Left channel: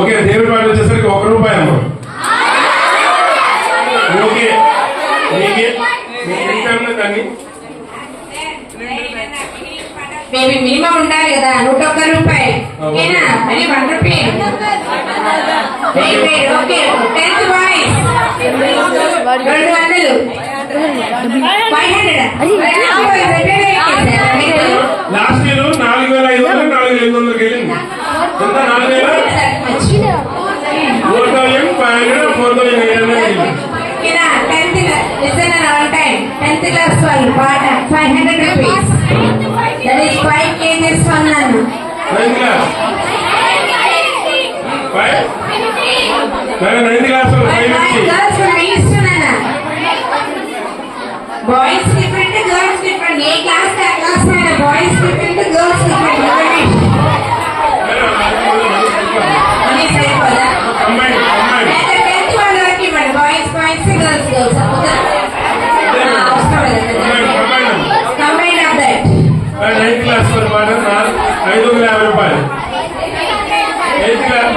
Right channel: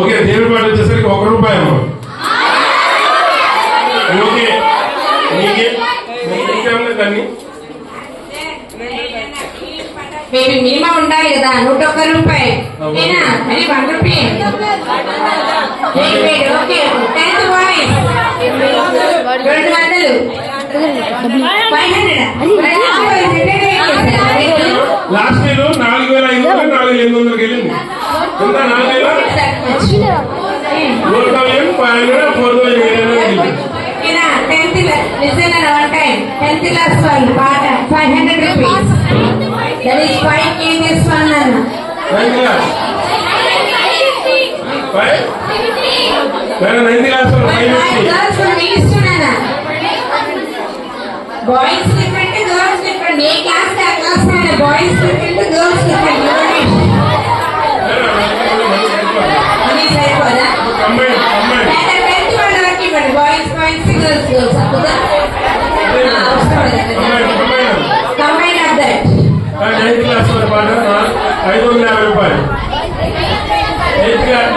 Okay, దేవుడి పాట వచ్చేసరికి ₹1 అమ్మ. ఓకే, మీరు మినిమం ఉండాలి కదా, ₹101 ఓకేనా? అది ₹1. Okay, 10th boys 200, 500. Last year 4,500 4,800 వెళ్ళింది. ఎంత 4,000 4,500 4,800 వెళ్ళింది. 10th class వాళ్ళు పాట ₹500. That is 5 kgs అన్నాను. Boys different, girls different. ఏ క్లాస్ ఆ class boys different, girls different. అది సరిపోదా? బాయ్స్ బాయ్స్, గర్ల్స్ గర్ల్స్ అవుతుందా? Combine of that. 9th class పాట ₹550. 8th class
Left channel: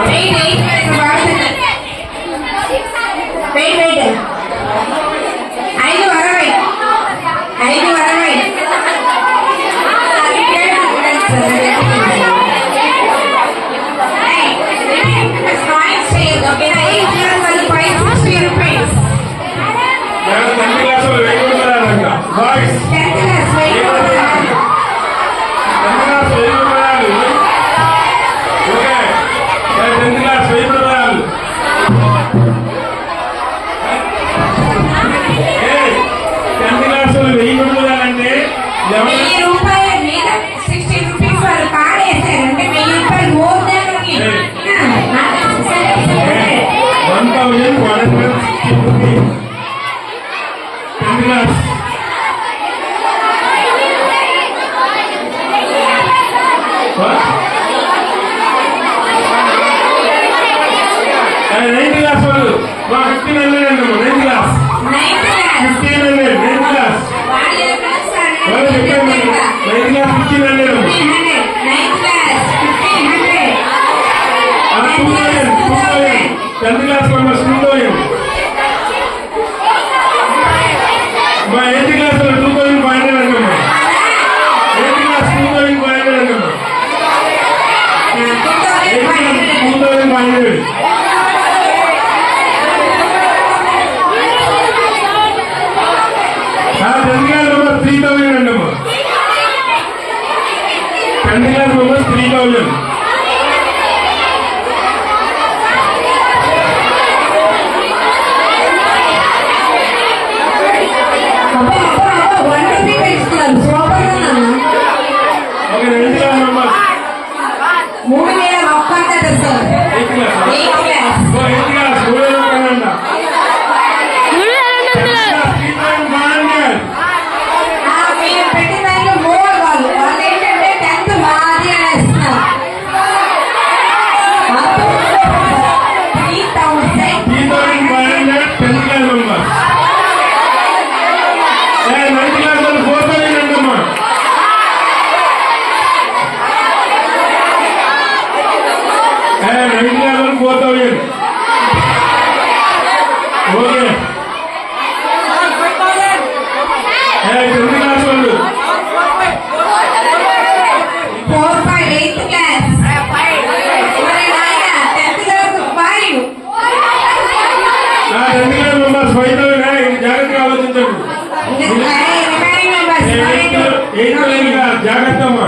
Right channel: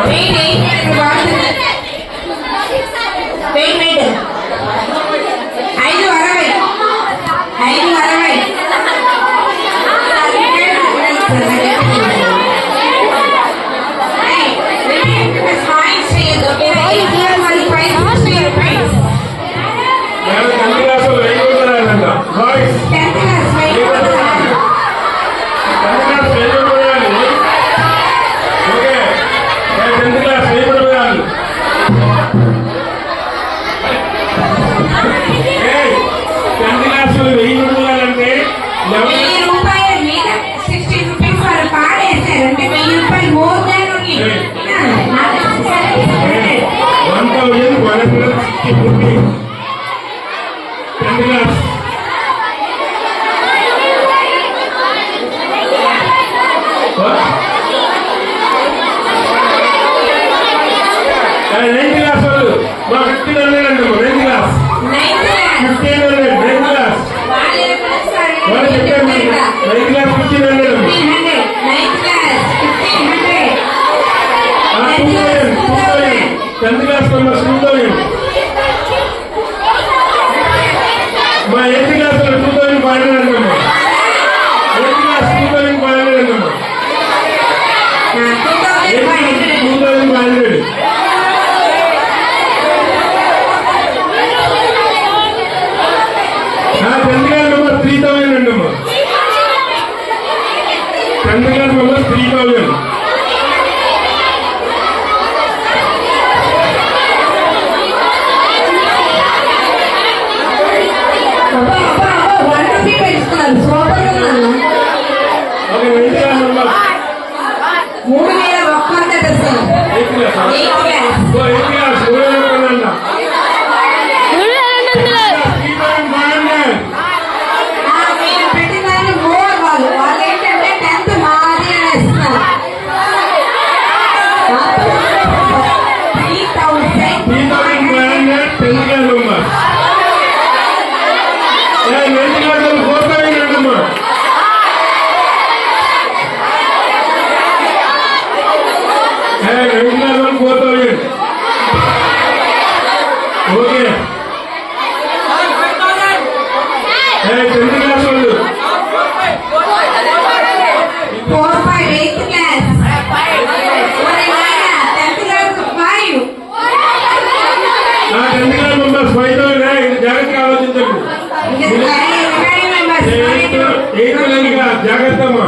జాగ్రత్తమ్మా.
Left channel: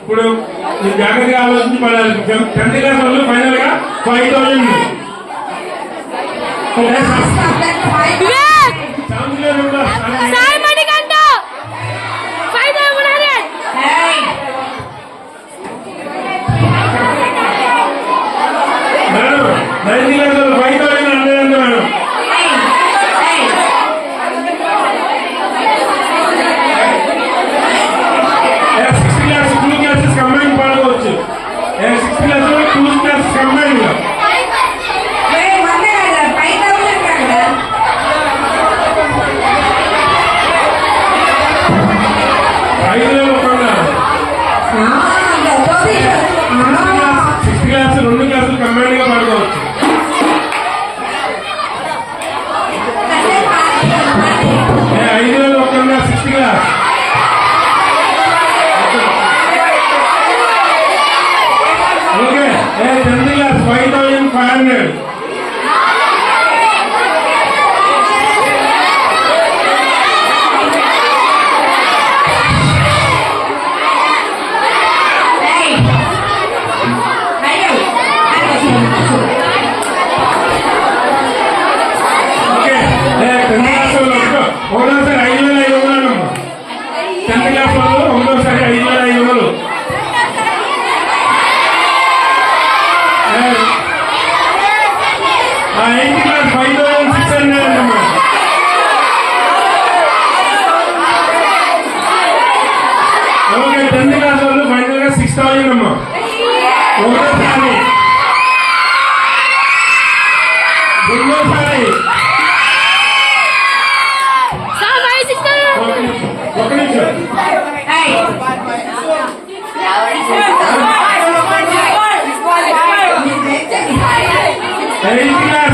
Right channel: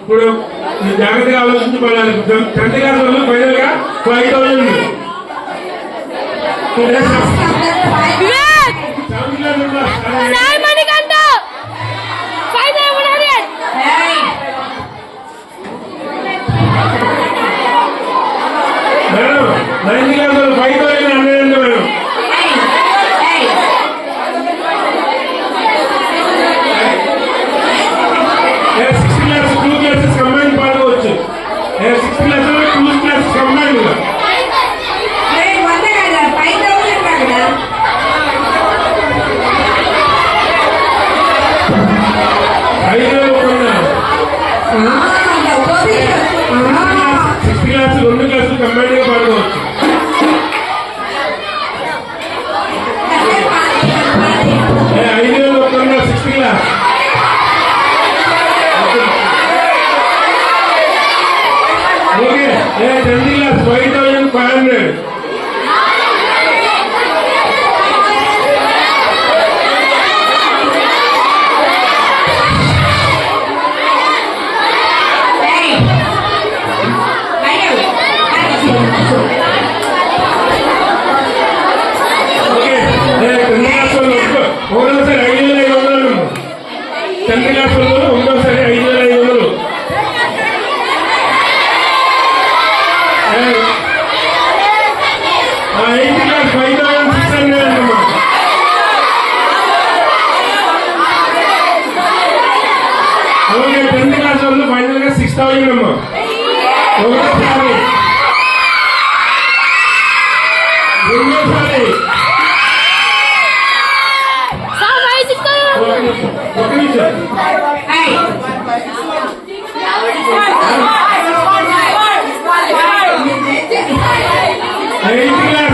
ఇప్పుడు జాగ్రత్తగా ఆలోచించి పడాలి. 10th క్లాస్ వాళ్ళు ఫైనల్ గా 5,000. కంబైన్ గా పాడుకోవచ్చు. ఏ 5,100 6th క్లాస్. ఓకే. ఏ 10th class 5,500. Hey. Madam. Okay. ఏ 10th క్లాస్ వాళ్ళు ఒకటోసారి 5,500 అమ్మా. 10th క్లాస్ వాళ్ళు ఒకటోసారి 5,500. ఆ 8th క్లాస్ 5,600 అమ్మా. ఓకే. 10th క్లాస్ వాళ్ళు ఫైనల్ గా 6,000 అమ్మా. ఒకటోసారి రెండోసారి ఒక నిమిషం. Hey. ఐదు క్లాస్